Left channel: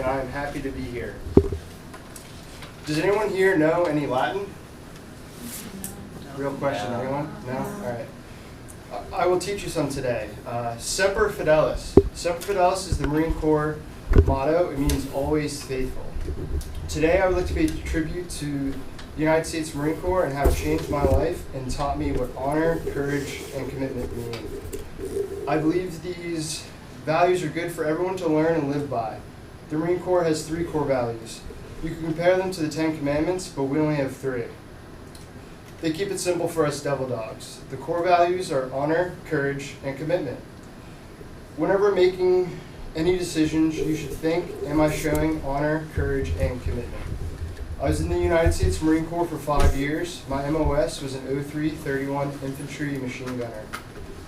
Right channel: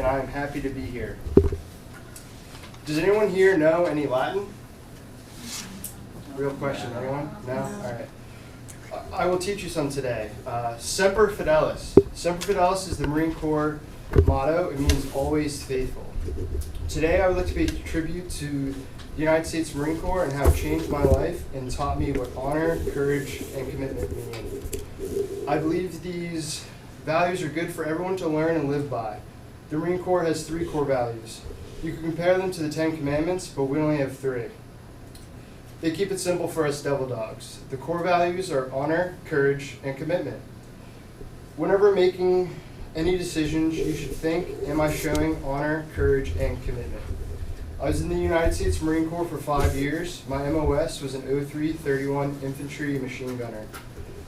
and I am happy to be here. Does anyone here know any Latin? Real question, anyone? No? All right. I will teach you some today. Semper Fidelis. Semper Fidelis is the Marine Corps motto. It means always faithful. Today I would like to pay tribute to the United States Marine Corps and how it changed my life and taught me what honor, courage, and commitment mean. I believe these values are good for everyone to learn and live by. The Marine Corps has 3 core values. You can compare them to the 10 Commandments, but we only have 3. They keep it simple for us devil dogs. The core values are honor, courage, and commitment. Whenever making any decisions, you should think, am I showing honor, courage, and commitment? I was in the United States Marine Corps for 5 years. My MOS was an 0331 infantry machine gunner.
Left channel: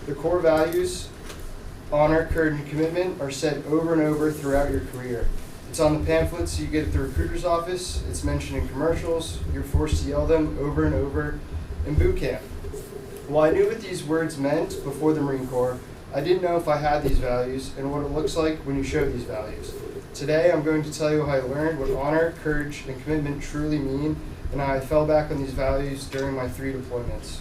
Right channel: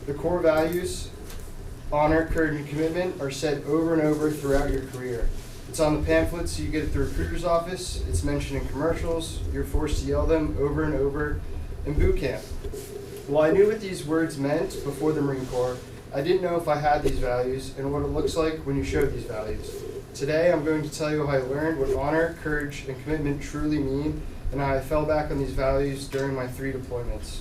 The core values, honor, courage, and commitment, are said over and over throughout your career. It's on the pamphlets you get at the recruiter's office. It's mentioned in commercials. You're forced to yell them over and over in boot camp. While I knew what these words meant before the Marine Corps, I didn't know if I had these values and what it looks like when you show these values. Today, I'm going to tell you how I learned what honor, courage, and commitment truly mean and how I fell back on these values during my 3 deployments.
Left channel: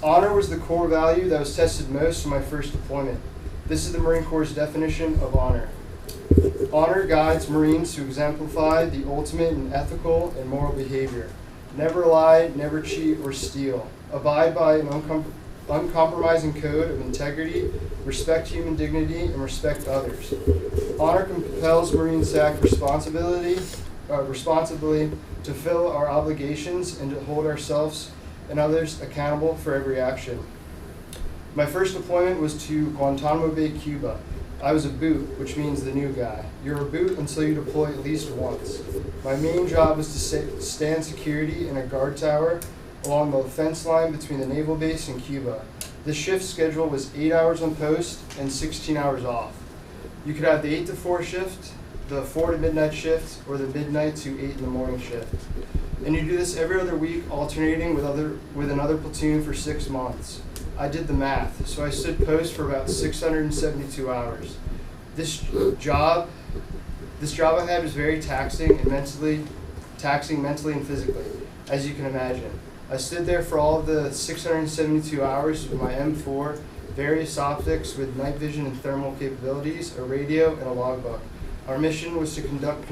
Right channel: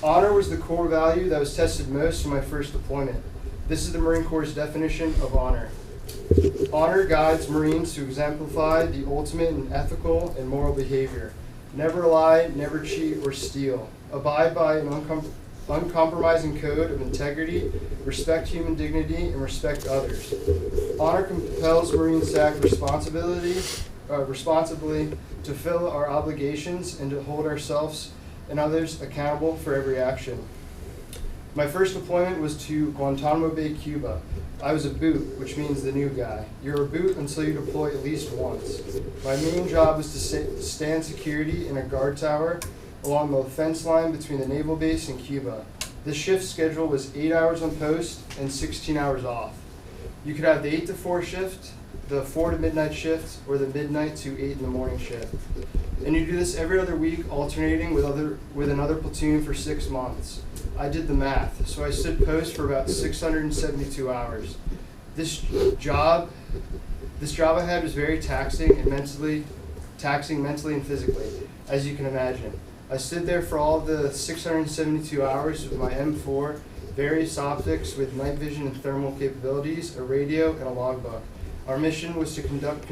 Honor was the core value that was tested most in my first deployment. This is the Marine Corps' definition of honor. Honor guides Marines to exemplify the ultimate in ethical and moral behavior. Never lie, never cheat, or steal. Abide by an uncompromising code of integrity, respect human dignity, and respect others. Honor compels Marines to act responsibly to fulfill our obligations and to hold ourselves and others accountable for every action. My first deployment was to Guantanamo Bay, Cuba. I was a boot, which means the new guy. You're a boot until you deploy at least once. My main job was to stand security in a guard tower along the fence line between the naval base and Cuba. The shift schedule was 8 hours on post and 16 hours off. You could have the 8 to 4 shift, the 4 to midnight shift, or the midnight to 8 in the morning shift. And you do this every other week, alternating with another platoon for 6 months. I did the math, so I stood post for about 672 hours. This job I had was very taxing mentally and physically, as you can imagine. I stood there for all of the 672 hours with my M4, various optics with night vision and thermal capabilities, a radio, and a logbook. Our mission was to conduct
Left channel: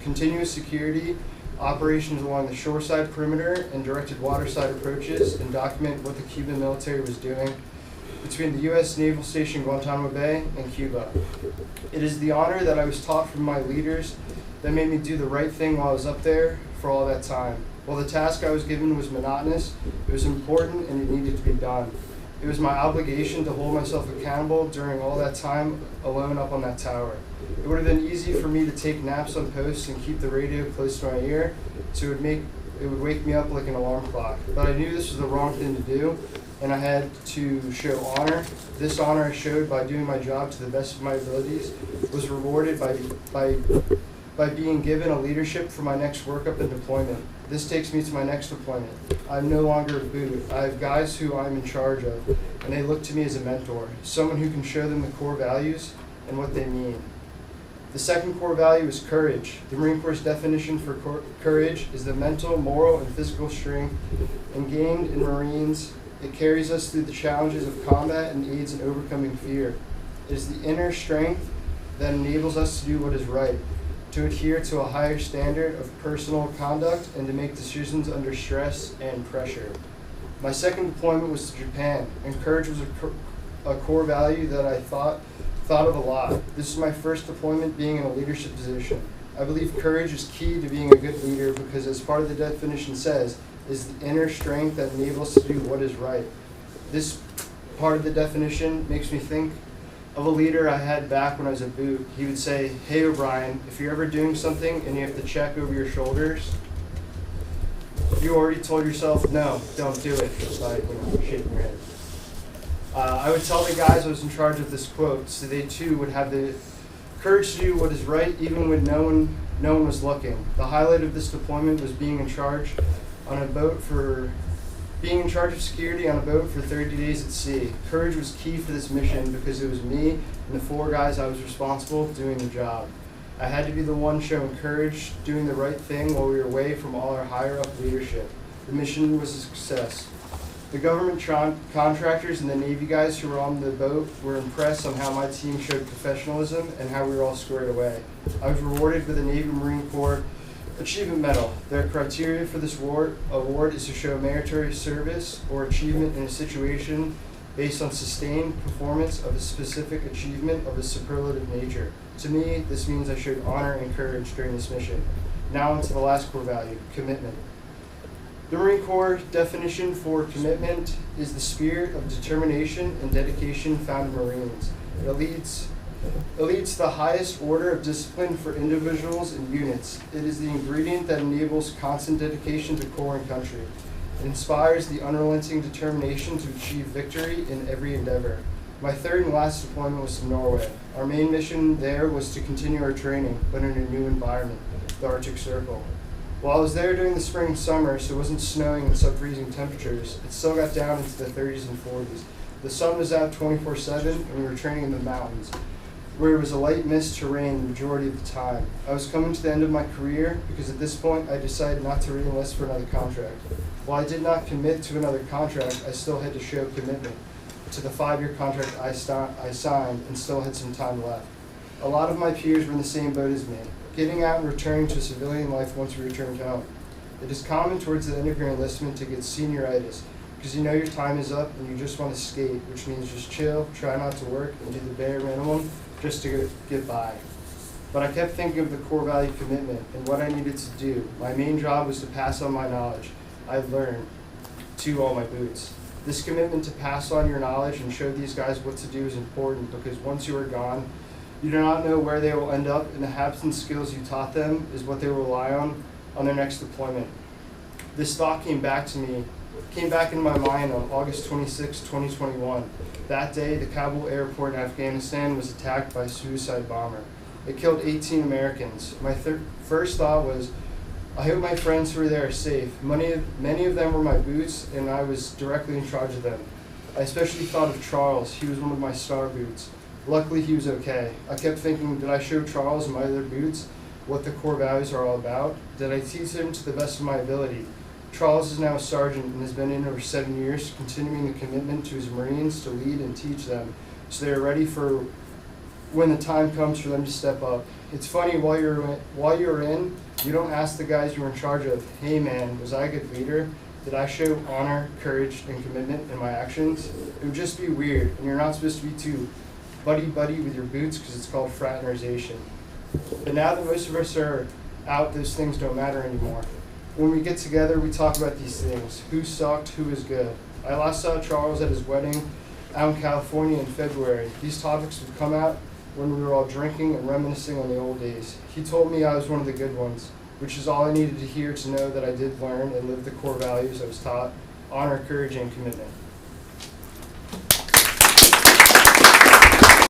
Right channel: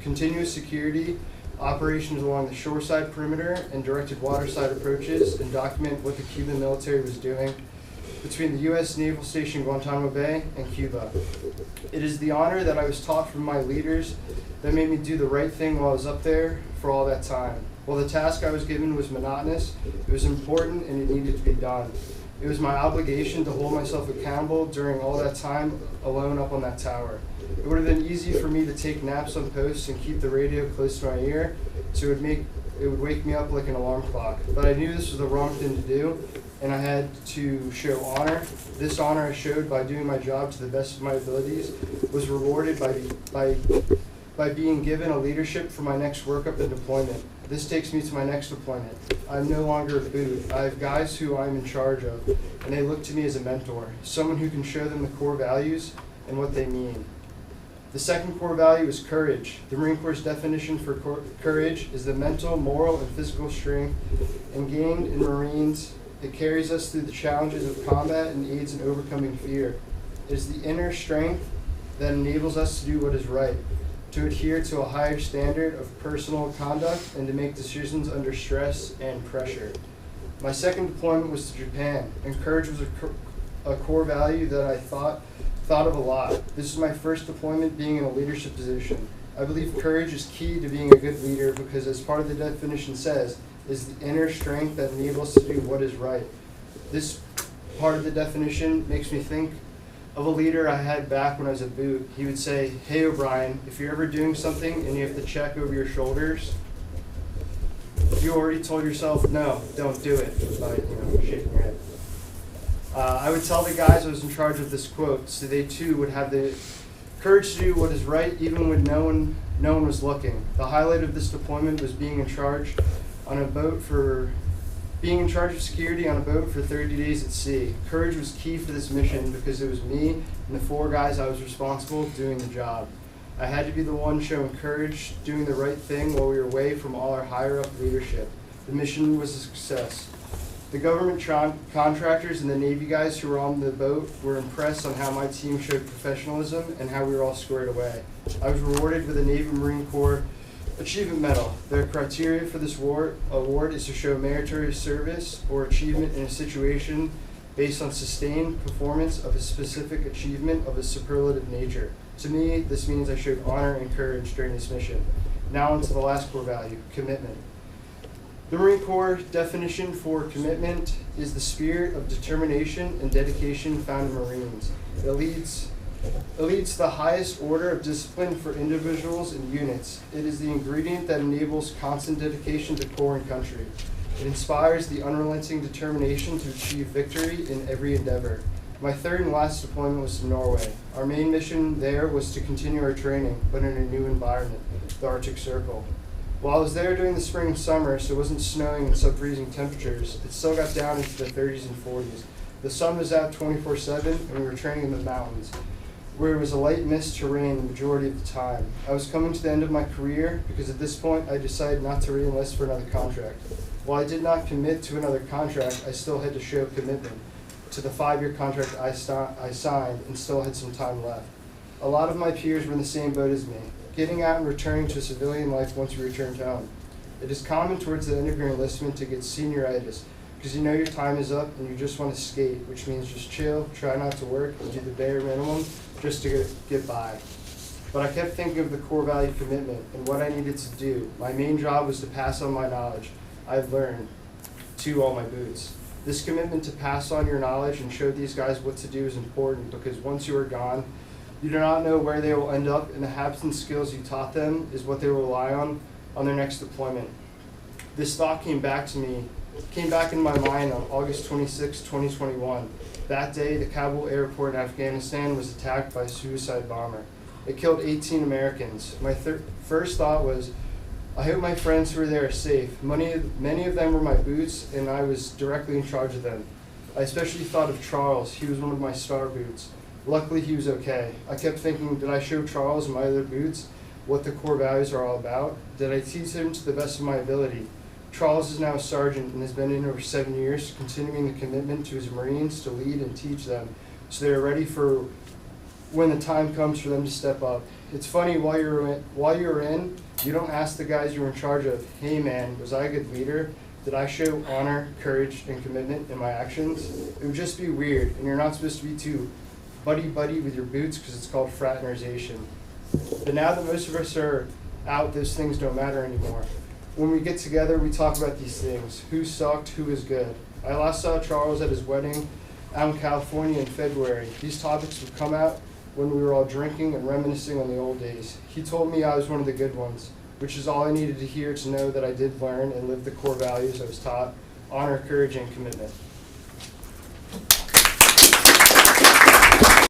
continuous security operations along the shoreside perimeter and directed waterside approaches and document what the Cuban military was doing between the U.S. Naval Station Guantanamo Bay and Cuba. It is the honor that I was taught from my leaders that made me do the right thing while I was up there for all that time. While the task I was given was monotonous, it was important and it needed to be done. It was my obligation to hold myself accountable during all that time alone up on that tower. It would have been easy for me to take naps on post and keep the radio close to my ear, so it would wake me up like an alarm clock. But I knew this was the wrong thing to do, and I had to show honor. This honor I showed by doing my job to the best of my abilities was rewarded by being given a leadership for my next workup and deployment. This takes me to my next deployment. I'm no longer a boot. I have guys who I'm in charge of, and they look to me as a mentor, someone who can show them the core values and what they mean. The second core value is courage. The Marine Corps' definition for courage is the mental, moral, and physical strength ingrained in Marines. It carries us through the challenges of combat and aids in overcoming fear. It is the inner strength that enables us to do what is right, to adhere to a higher standard of personal conduct, and to make decisions under stress and pressure. My second deployment was to Japan, and courage was a core value that I thought of a lot. This is my first deployment being in a leadership position. I believe courage is key to being a good leader because, as part of the definition says, is the inner strength that enables us to do what is right. This part of the definition makes me think of a leader I had back when I was a boot. He would say, "Hey O'Brien, if you're ever doing something and you have to check over your shoulders, you already told yourself, no, don't do it," by shaking your head. I would tell the guys I was in charge of this quote so they too would have the courage to do what is right even when no one was looking. The highlight of this deployment was being in charge of security on a boat for 30 days at sea. Courage was key for this mission because it was me and the 4 guys I was responsible doing the job. I had to be the one showing courage, doing the right thing while we were away from all our higher-up leadership. The mission was a success. The government contractors and the Navy guys who were on the boat were impressed on how my team showed professionalism and how we were all squared away. I was rewarded with a Navy Marine Corps Achievement Medal. Their criteria for this award is to show meritorious service or achievement in a situation based on sustained performance of a specific achievement of a superlative nature. To me, this means I showed honor and courage during this mission. Now into the last core value, commitment. The Marine Corps definition for commitment is the spirit of determination and dedication found in Marines. It leads to the highest order of discipline for individuals and units. It is the ingredient that enables constant dedication to Corps and country. It inspires the unrelenting determination to achieve victory in every endeavor. My third and last deployment was to Norway. Our main mission there was to continue our training, but in a new environment, the Arctic Circle. While I was there during the spring and summer, so it wasn't snowing and sub-freezing temperatures, it still got down into the 30s and 40s. The sun was out 24/7, and we were training in the mountains, where it was a light mist to rain the majority of the time. I was coming to the end of my career because at this point I decided not to re-enlist for another contract. While I did not commit to another contract, I still had to show commitment to the 5-year contract I signed and still had some time left. A lot of my peers were in the same boat as me, getting out and returning to civilian life once we returned home. It is common towards the end of your enlistment to get senioritis because you know your time is up and you just want to skate, which means just chill, try not to work, and do the bare minimum just to get by. But I kept thinking of the core value commitment and what I needed to do. My main job was to pass on my knowledge I've learned to all my boots. This commitment to pass on your knowledge and show these guys what to do is important because once you are gone, you do not know where they will end up, and the habits and skills you taught them is what they will rely on their next deployment. This thought came back in my mind on August 26, 2021. That day, the Kabul airport in Afghanistan was attacked by a suicide bomber. It killed 18 Americans. My first thought was, I hope my friends who were there are safe. Many of them were my boots, and I was directly in charge of them. I especially thought of Charles. He was one of my star boots. Luckily, he was okay. I kept thinking, did I show Charles and my other boots what the core values are all about? Did I teach him to the best of my ability? Charles is now a sergeant and has been in over 7 years, continuing the commitment to his Marines to lead and teach them so they are ready for when the time comes for them to step up. It's funny, while you're in, you don't ask the guys you were in charge of, hey man, was I a good leader? Did I show honor, courage, and commitment in my actions? It would just be weird, and you're not supposed to be too buddy-buddy with your boots because it's called fraternization. But now that most of us are out, those things don't matter anymore. When we get together, we talk about these things. Who sucked, who was good. I last saw Charles at his wedding out in California in February. These topics would come out when we were all drinking and reminiscing on the old days. He told me I was one of the good ones, which is all I needed to hear to know that I did learn and live the core values I was taught: honor, courage, and commitment.